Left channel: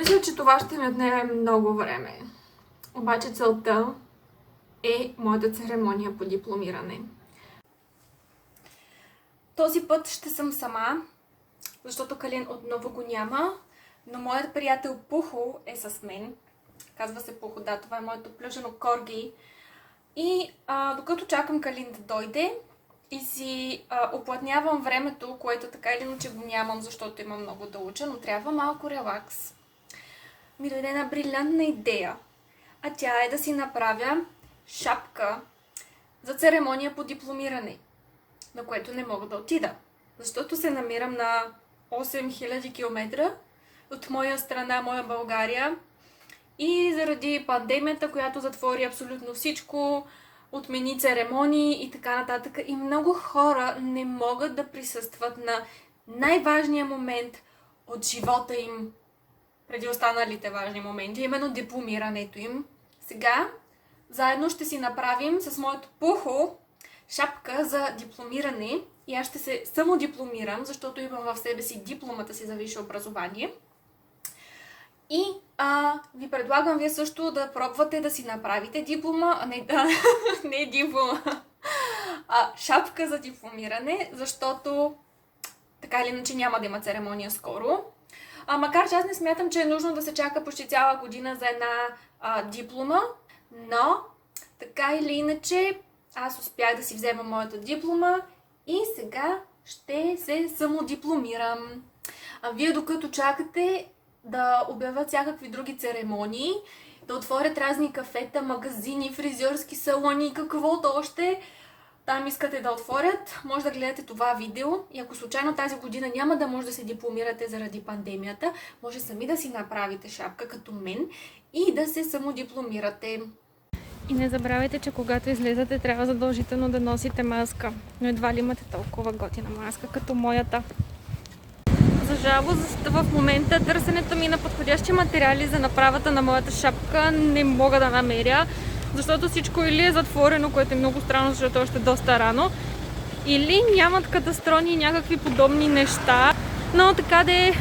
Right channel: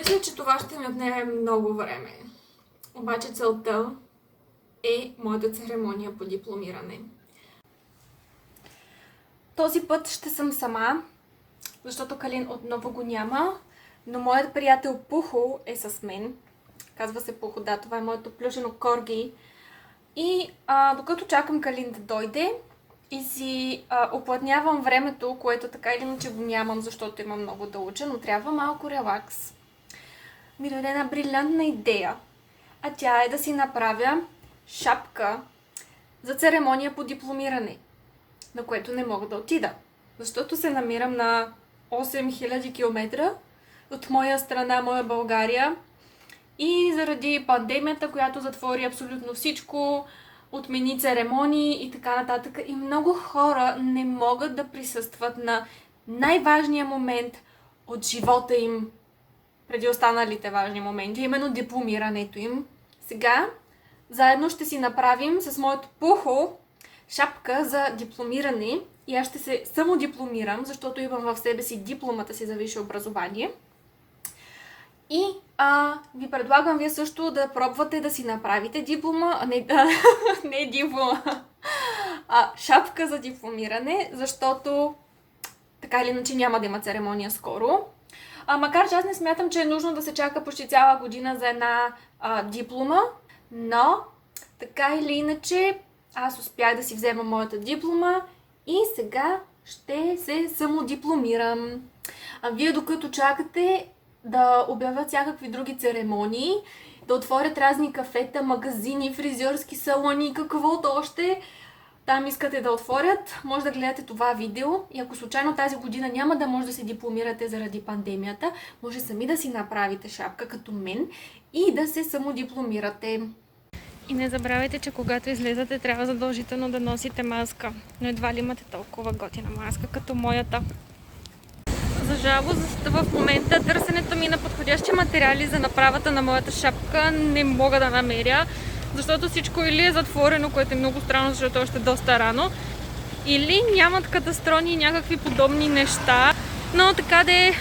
Мисля, че това ще ми отнеме много време. Обаче целта е моята церемония по дипломиране. Този път ще съм сама, защото Калин отново го няма, но моят приятел Пухо е с мен. Казва се Пухо, да, това е моето плюшено корги. И докато чакам Калин да дойде и си оплътнявам времето, което така или иначе го нямам, защото имам много да уча, но трябва малко релакс, ми даде една брилянтна идея. А тя е да си направя шапка за церемония по дипломиране, на което не мога да отида, защото се намирам на 8000 км от моя страна, моя България, и заради пандемията, която затвори абсолютно всичко, отмени церемонии и така нататък, и много хора не могат да присъстват на най-важния момент от живота им, преди останалите важни моменти, именно дипломирането им. Сега заедно ще си направим с моето Пухо шапка за дипломиране и аз ще се самодипломирам, защото имам в себе си дипломата си за висше образование. И ви предлагам вие също да пробвате да си направите диплома, не диплома, шапка за дипломиране, защото така или иначе няма да има церемония скоро. Макар че аз не смятам, че е нужно да се чака почти цяла година за една диплома, но така или иначе аз успях да си взема моята диплома и сега ще се самодипломирам. Вие докато чакате да обявят всякакви други церемонии, да отворят разни кафета, магазини, фризьорски салони, каквото още там искате да отворят, може да гледате това видео и ако случайно тази година няма да може да се дипломирате заради пандемията, може сами да си направите шапка като мен и да се самодипломирате. И не забравяйте, че когато излезете, трябва задължително да носите маска. Но едва ли имате толкова готина маска, като моята. За жалост, в момента търсенето ми на подходящи материали за направата на моята шапка не мога да намеря, защото всичко или е затворено, което е много странно, защото още е доста рано, или нямат кадастрони и някакви подобни неща. Но така де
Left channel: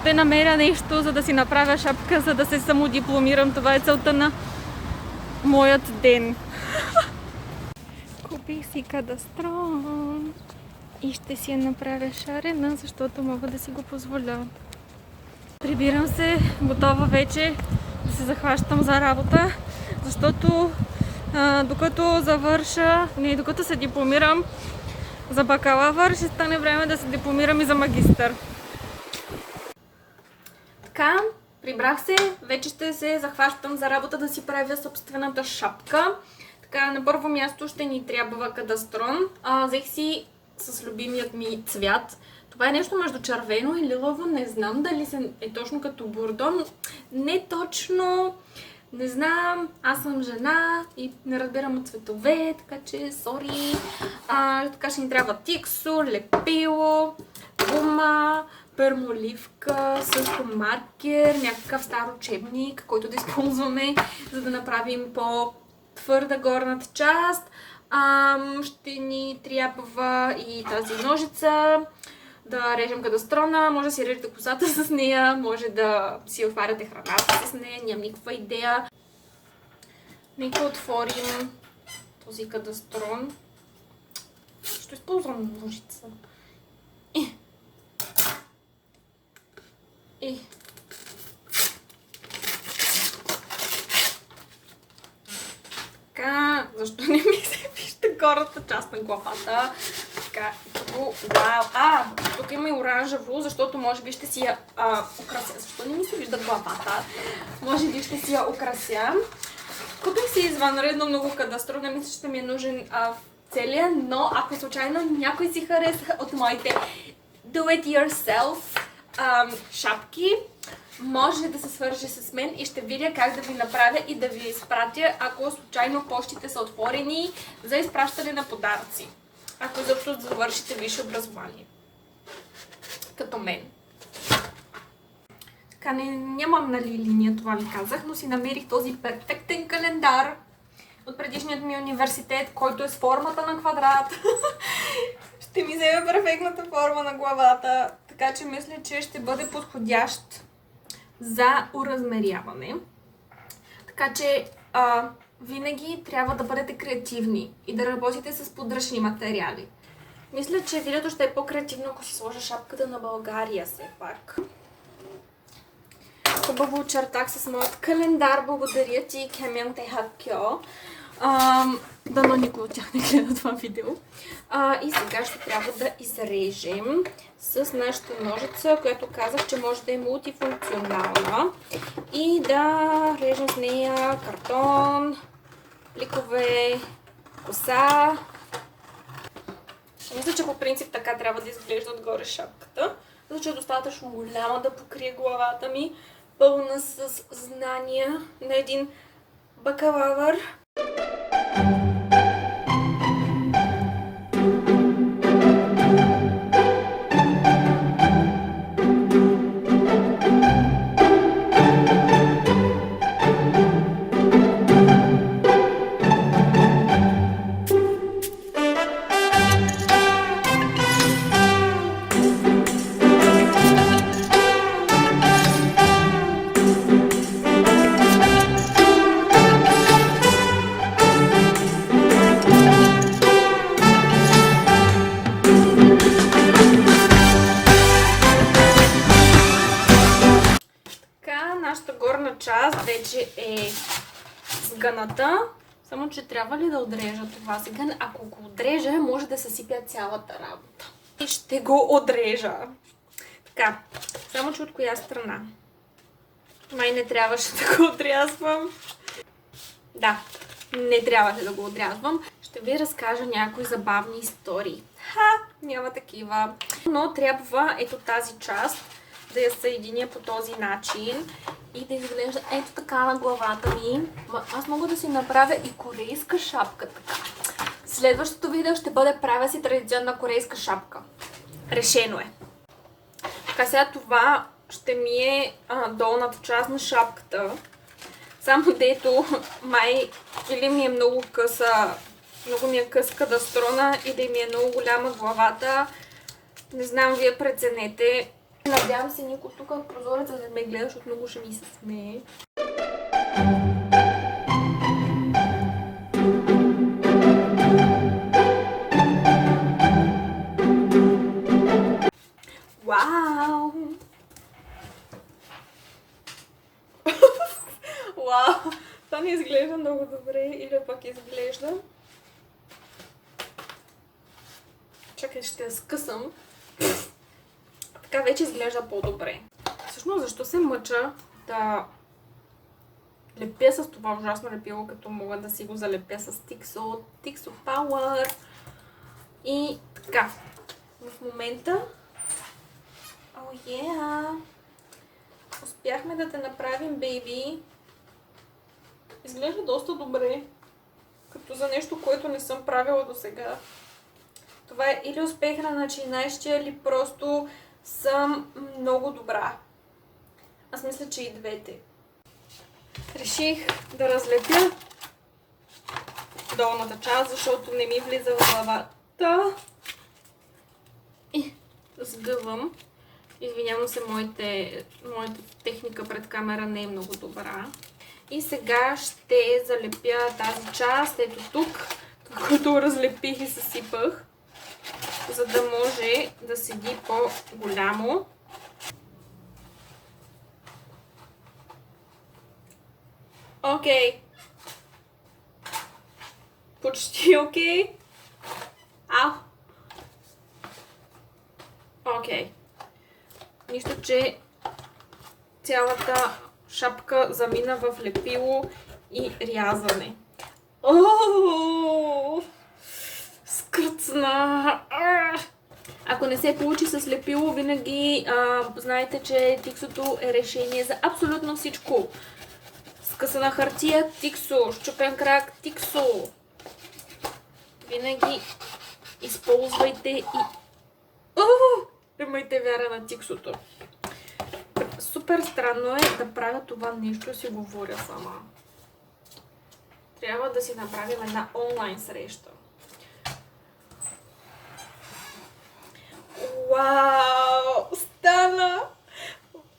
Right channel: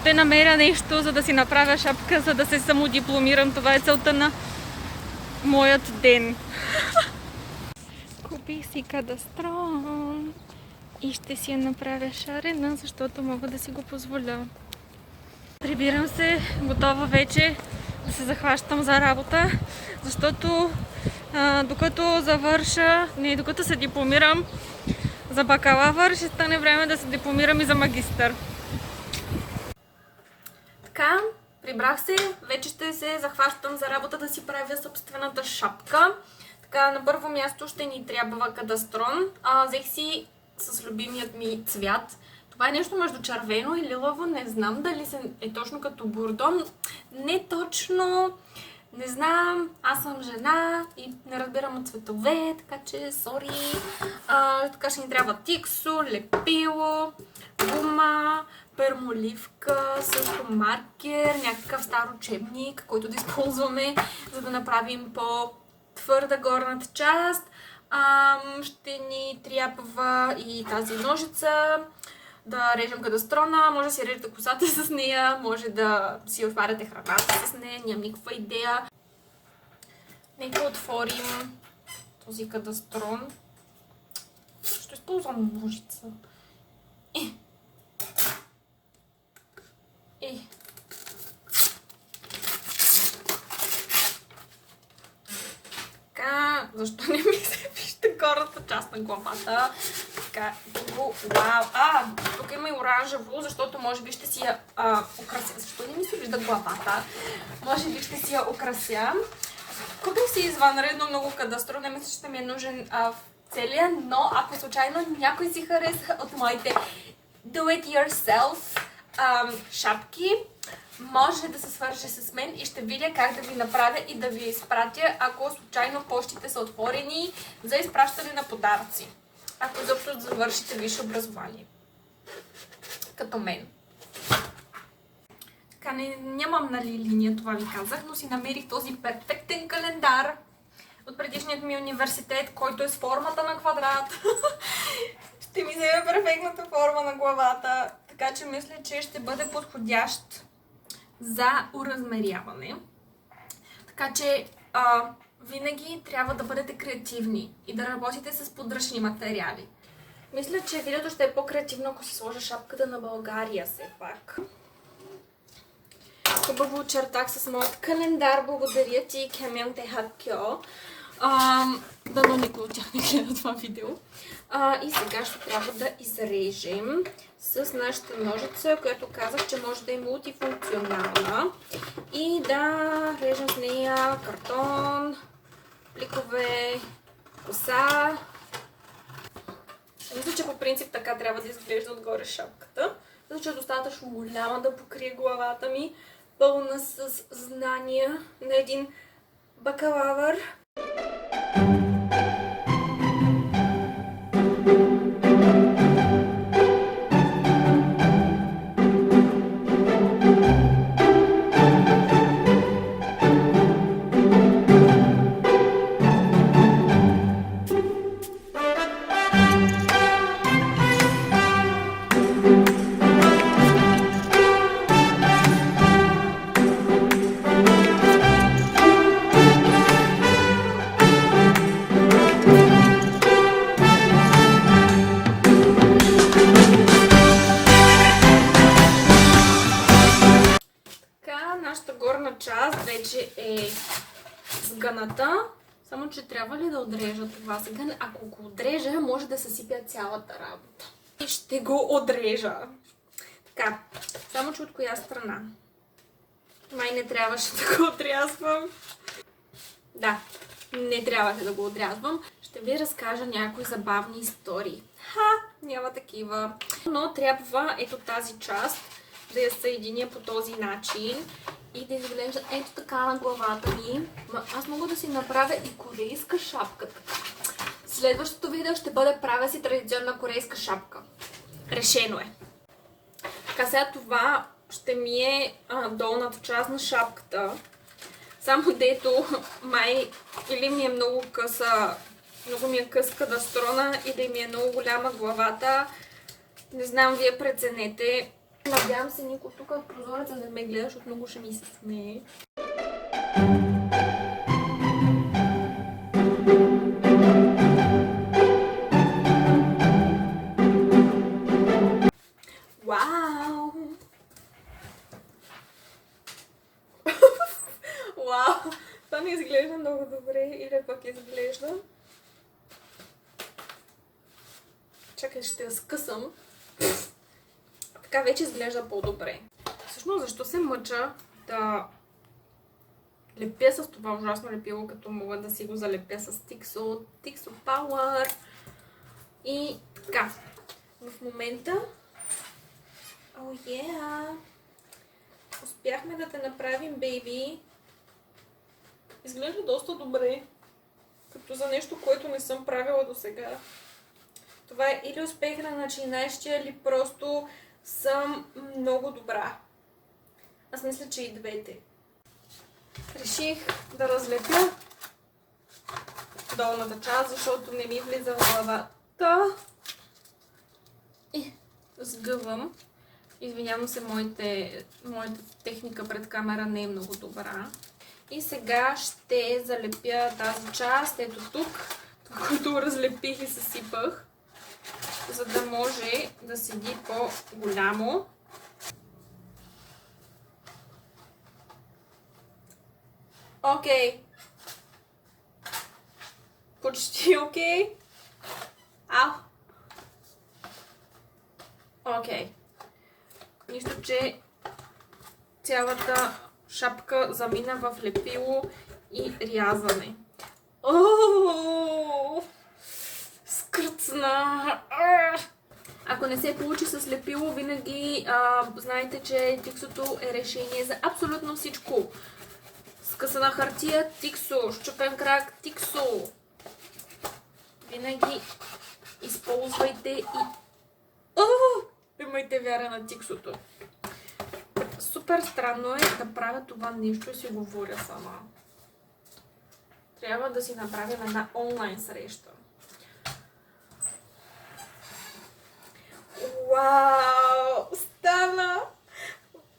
ще намеря нещо, за да си направя шапка, за да се самодипломирам. Това е целта на моят ден. Купих си кадастрон и ще си я направя шарена, защото мога да си го позволя. Прибирам се, готова вече да се захващам за работа, защото докато се дипломирам за бакалавър, ще стане време да се дипломирам и за магистър. Така, прибрах се, вече ще се захващам за работа да си правя собствената шапка. Така, на първо място ще ни трябва кадастрон. Взех си с любимият ми цвят. Това е нещо между червено и лилаво, не знам дали е точно като бурдон. Не точно, не знам, аз съм жена и не разбирам от цветове, така че сори. Така ще ни трябва тиксо, лепило, гума, пермоливка, също маркер, някакъв стар учебник, който да използваме, за да направим по-твърда горната част. Ще ни трябва и тази ножица, да режем кадастрона, може да си режете косата с нея, може да си отваряте храната с нея, нямам никаква идея. Нека отворим този кадастрон. Ще използвам ножица. Така, защо не ми се вижда горната част на главата? Така, вау! Тук има и оранжево, защото може би ще си я украся. Защо не ми се вижда главата? Може би ще си я украся. Купих си извънредно много кадастро, не мисля, че ще ми е нужен целия, но ако случайно някой си хареса от моите do it yourself шапки, може да се свърже с мен и ще видя как да ви направя и да ви изпратя, ако случайно пощите са отворени за изпращане на подаръци. Ако изобщо завършите висше образование. Като мен. Така, нямам линия, това ви казах, но си намерих този перфектен календар от предишният ми университет, който е с формата на квадрат. Ще ми вземе перфектната форма на главата, така че мисля, че ще бъде подходящ за уразмеряване. Така че винаги трябва да бъдете креативни и да работите с подръчни материали. Мисля, че видеото ще е по-креативно, ако си сложа шапката на България все пак. Хубаво очертах с моят календар. Благодаря ти, Кемян Техакьо. Дано никой от тях не гледа това видео. И сега ще трябва да изрежем с нашата ножица, която казах, че може да е мултифункционална. И да режем с нея картон, пликове, коса. Мисля, че по принцип така трябва да изглежда отгоре шапката, защото е достатъчно голяма да покрие главата ми, пълна с знания на един бакалавър. Част вече е сгъната, само че трябва ли да отрежа това сега? Ако го отрежа, може да съсипя цялата работа. И ще го отрежа. Така, само че от коя страна? Май не трябваше да го отрязвам. Да, не трябваше да го отрязвам. Ще ви разкажа някои забавни истории. Няма такива. Но трябва ето тази част да я съединя по този начин и да изглежда ето така на главата ми. Аз мога да си направя и корейска шапка така. Следващото видео ще бъде правя си традиционна корейска шапка. Решено е. Така, сега това ще ми е долната част на шапката. Само дето май или ми е много къса, много ми е къска да строна, или ми е много голяма главата. Не знам, вие преценете. Надявам се никой тук в прозореца да ме гледа, защото много ще ми се смее. Вау! Вау! Това не изглежда много добре, или пък изглежда. Чакай, ще я скъсам. Така вече изглежда по-добре. Всъщност, защо се мъча да лепя с това ужасно лепило, като мога да си го залепя с Tixo Power. И така, в момента успяхме да те направим, бейби. Изглежда доста добре, като за нещо, което не съм правила до сега. Това е или успех на начинаещия, или просто съм много добра. Аз мисля, че и двете. Реших да разлепя долната част, защото не ми влиза в главата. И сгъвам. Извинявам се, моята техника пред камера не е много добра. И сега ще залепя тази част, ето тук, което разлепих и съсипах, за да може да седи по-голямо. Окей. Почти окей. Ау. Окей. Нищо, че цялата шапка замина в лепило и рязане. Скръцна! Ако не се получи с лепило, винаги знаете, че Tixo е решение за абсолютно всичко. Скъсана хартия, Tixo. Счупен крак, Tixo. Винаги използвайте и имайте вяра на Tixo-то. Супер странно е да правя това нещо и си говоря сама. Трябва да си направим една онлайн среща. Вау! Стана!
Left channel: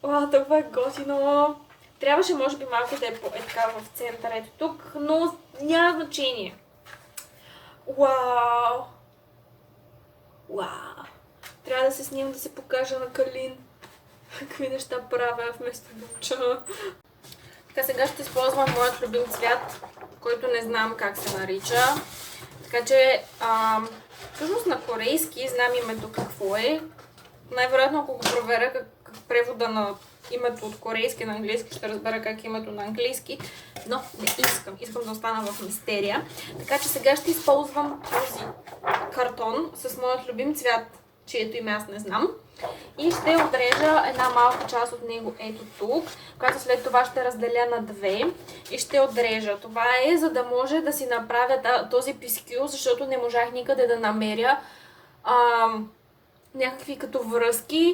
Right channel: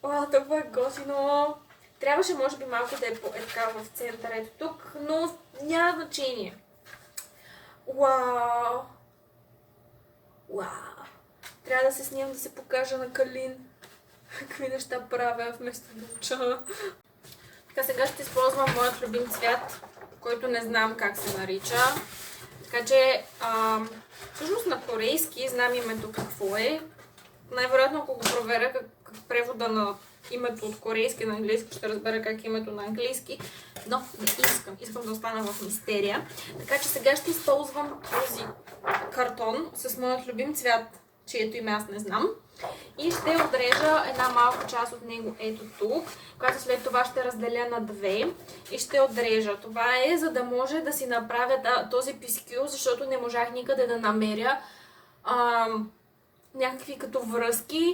О, това е готино. Трябваше, може би, малко да е така в центъра, ето тук, но няма значение. Вау! Вау! Трябва да се снимам да се покажа на Калин какви неща правя вместо да уча. Така, сега ще използвам моят любим цвят, който не знам как се нарича. Така че, всъщност на корейски знам името какво е. Най-вероятно, ако го проверя как превода на името от корейски на английски, ще разбера как е името на английски. Но не искам. Искам да остана в мистерия. Така че сега ще използвам този картон с моят любим цвят, чието име аз не знам. И ще отрежа една малка част от него ето тук, която след това ще разделя на две и ще отрежа. Това е за да може да си направя този пискюл, защото не можах никъде да намеря някакви като връзки.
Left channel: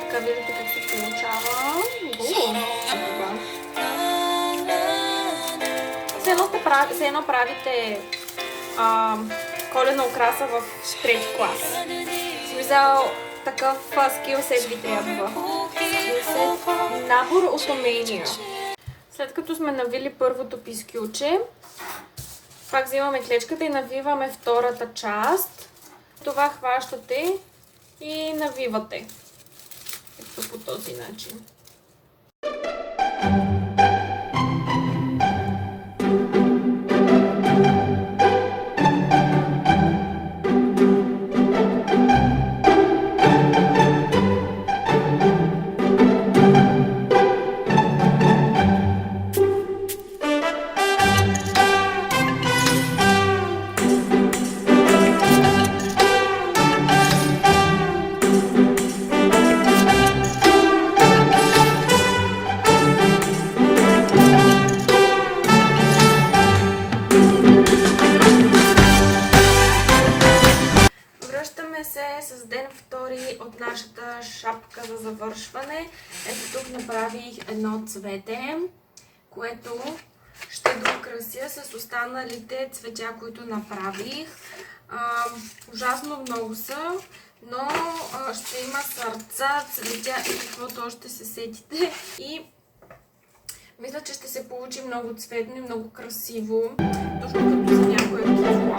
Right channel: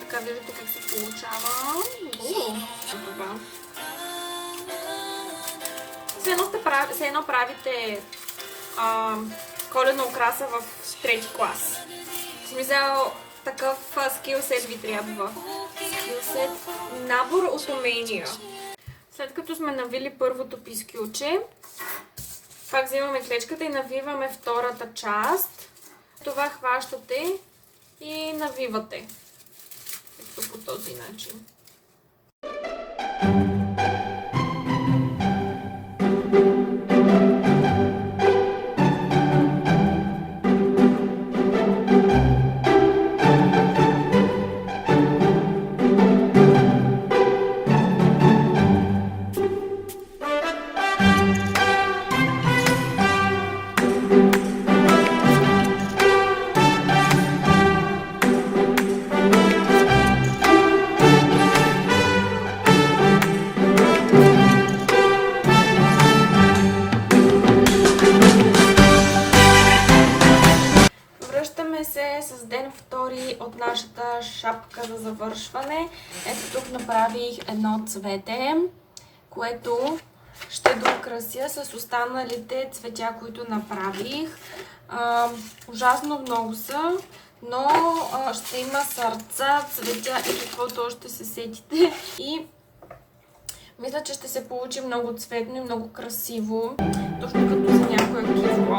Така виждате как се получава. Все едно правите коледна украса в трети клас. В смисъл, такъв скилсет ви трябва. Набор от умения. След като сме навили първото пискюче, пак взимаме клечката и навиваме втората част. Това хващате и навивате. Ето по този начин. С ден втори от нашата шапка за завършване. Ето тук направих едно цвете, което ще докрася с останалите цветя, които направих. Ужасно много са, но ще има сърца, цветя и каквото още се сетите. И мисля, че ще се получи много цветно и много красиво, точно като за някое кифло.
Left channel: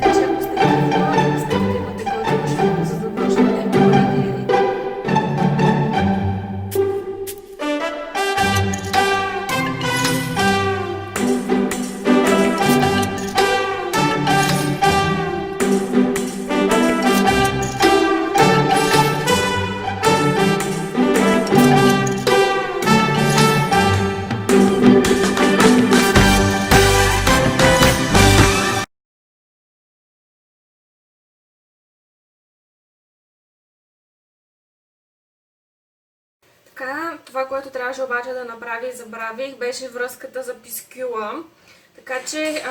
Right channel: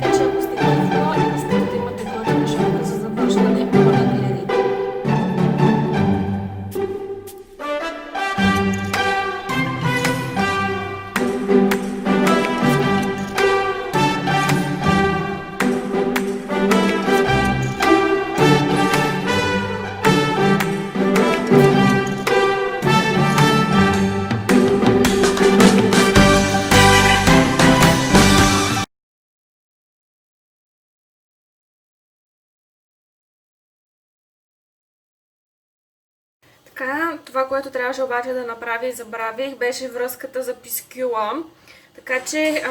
Така че ако сте кифло и искате да имате готина шапка за завършване, моля гледайте. Така, това, което трябваше обаче да направя и забравих, беше връзката за пискюла. Така че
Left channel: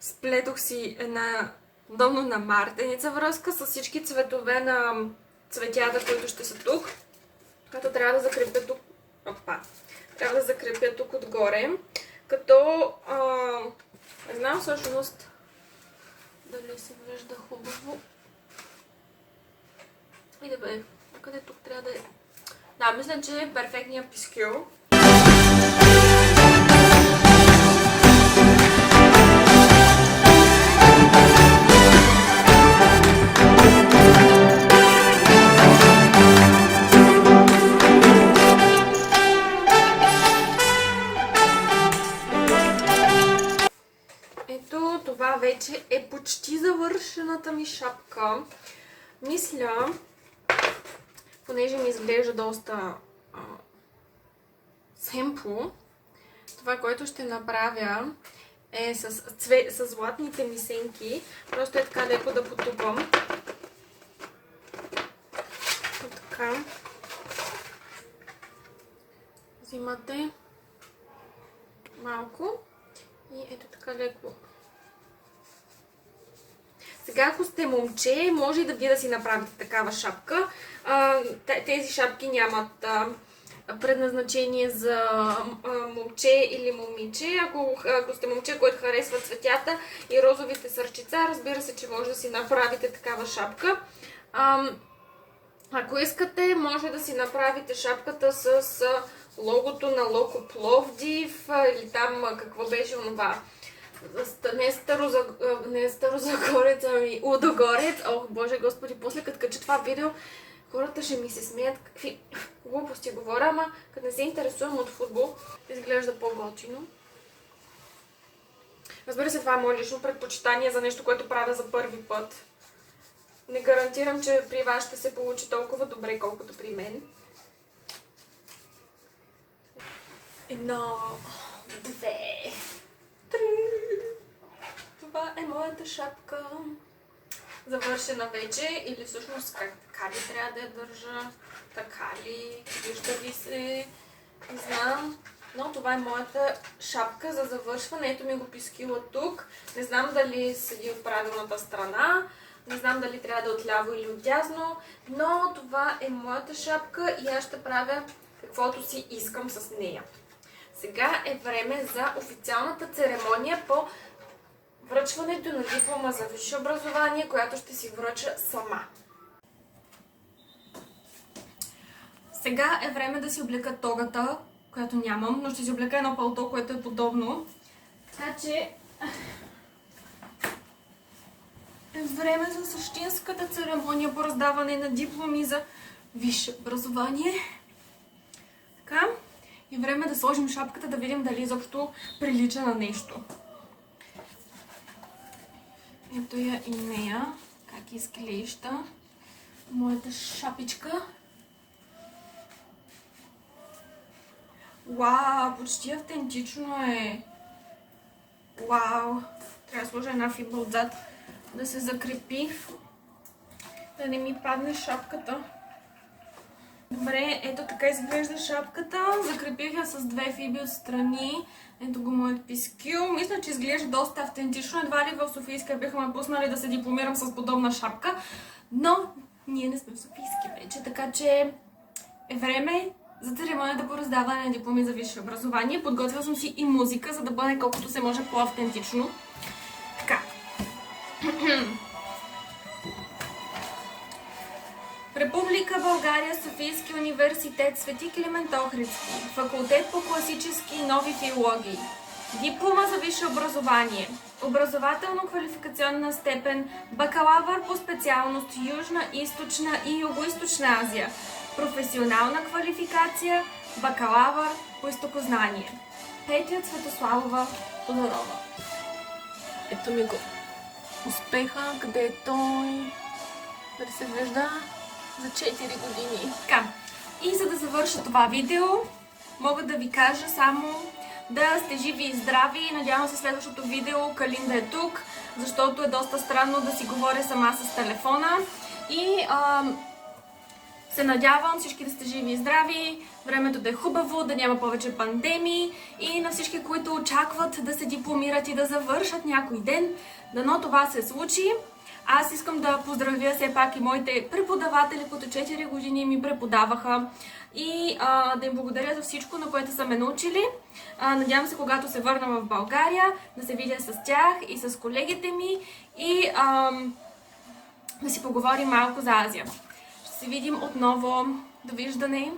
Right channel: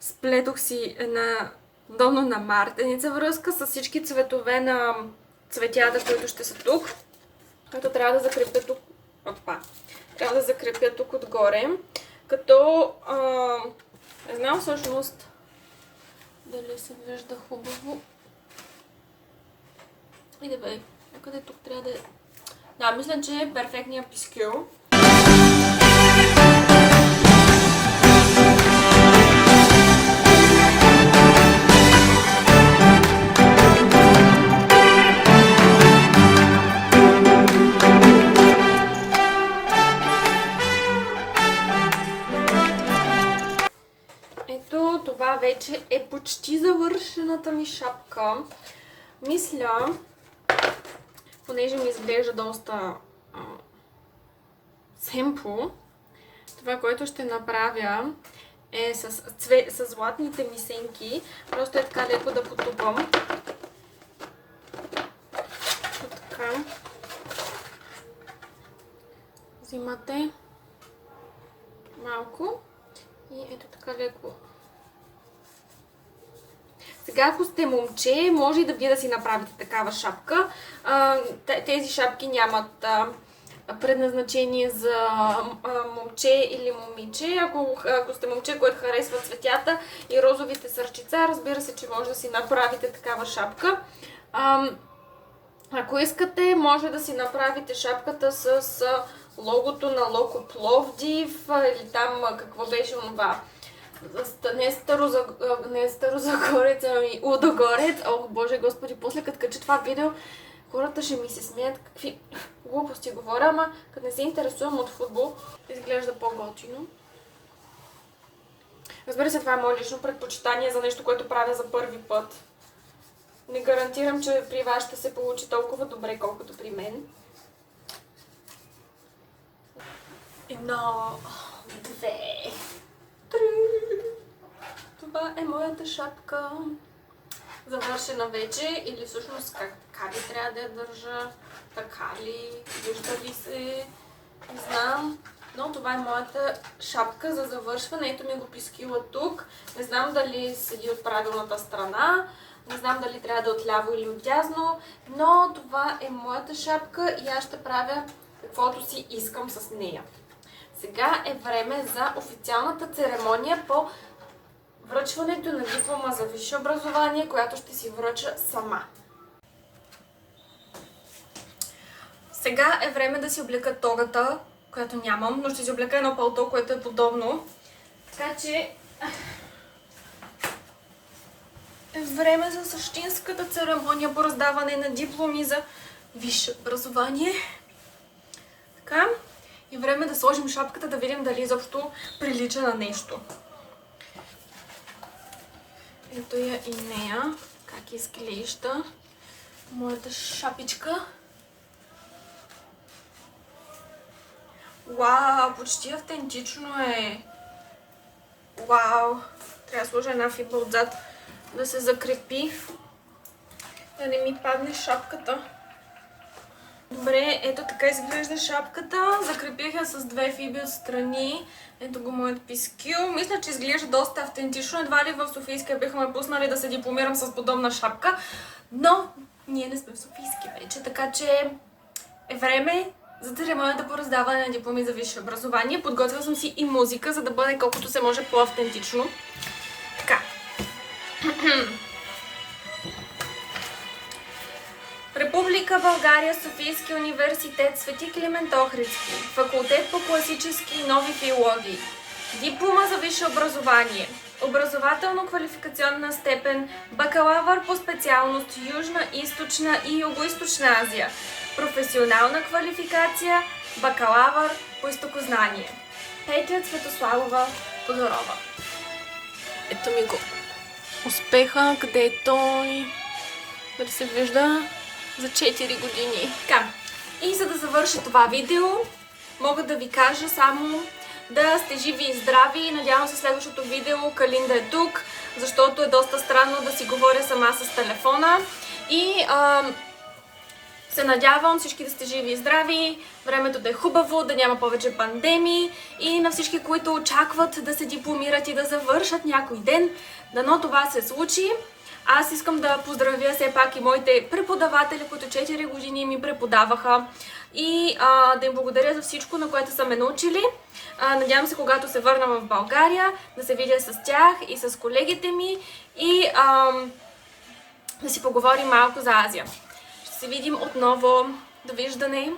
сплетох си една долно на мартеница връзка с всички цветове на цветята, които ще са тук. Като трябва да закрепя тук. Опа! Трябва да закрепя тук отгоре. Като не знам всъщност дали се вижда хубаво. Иде бе, къде тук трябва да е? Да, мисля, че е перфектният пискюл. Ето, това вече е почти завършената ми шапка. Мисля, понеже ми изглежда доста семпл, това, което ще направя е с златните ми сенки. Просто е така леко да потупам. Така. Взимате малко и ето така леко. Сега, ако сте момче, може и да вие да си направите такава шапка. Тези шапки нямат предназначение за момче или момиче. Ако сте момче, което харесва цветята и розовите сърчица, разбира се, че може да си направите такава шапка. Ако искате, може да си направите шапката с логото на Локо Пловдив или там какво беше онова. Не Старозагорец, ами Лудогорец. Ох, Боже Господи, после като кача това видео, хората ще ми се смеят какви глупости говоря, ама като не се интересувам от футбол, изглежда по-готино. Разбира се, това е мое лично предпочитание за нещо, което правя за първи път. Не гарантирам, че при вас ще се получи толкова добре, колкото при мен. Едно, две, три. Това е моята шапка. Завършена вече, или всъщност така ли трябва да я държа, така ли, вижда ли се, не знам. Но това е моята шапка за завършване. Ето ми го пискила тук. Не знам дали седи от правилната страна, не знам дали трябва да е отляво или отдясно, но това е моята шапка и аз ще правя каквото си искам с нея. Сега е време за официалната церемония по връчването на диплома за висше образование, която ще си връча сама. Сега е време да си облека тогата, която нямам, но ще си облека едно палто, което е подобно. Така че е време за същинската церемония по раздаване на дипломи за висше образование. Така. И време да сложим шапката, да видим дали изобщо прилича на нещо. Ето я и нея, как изглежда моята шапичка. Вау, почти автентично е. Вау, трябва да сложа една фибра отзад да се закрепи, да не ми падне шапката. Добре, ето така изглежда шапката. Закрепих я с две фиби отстрани. Ето го моят пискил. Мисля, че изглежда доста автентично. Едва ли в Софийския биха ме пуснали да се дипломирам с подобна шапка. Но ние не сме в Софийски вече, така че е време за церемонията по раздаване на дипломи за висше образование. Подготвила съм си и музика, за да бъде колкото се може по-автентично. Така. Република България, Софийски университет, Свети Климент Охридски, факултет по класически и нови филологии, диплома за висше образование, образователно-квалификационна степен, бакалавър по специалност Южна, Източна и Югоизточна Азия, професионална квалификация, бакалавър по изтокознание. Петя Цветославова Тодорова. Ето ми го. Успеха, къде е той? Дали се вижда? За 4 години. Така. И за да завърша това видео, мога да ви кажа само да сте живи и здрави. Надявам се следващото видео Калин да е тук, защото е доста странно да си говоря сама с телефона. И се надявам всички да сте живи и здрави, времето да е хубаво, да няма повече пандемии и на всички, които очакват да се дипломират и да завършат някой ден, дано това се случи. Аз искам да поздравя все пак и моите преподаватели, които 4 години ми преподаваха и да им благодаря за всичко, на което са ме научили. Надявам се, когато се върна в България, да се видя с тях и с колегите ми и да си поговорим малко за Азия. Ще се видим отново. Довиждане!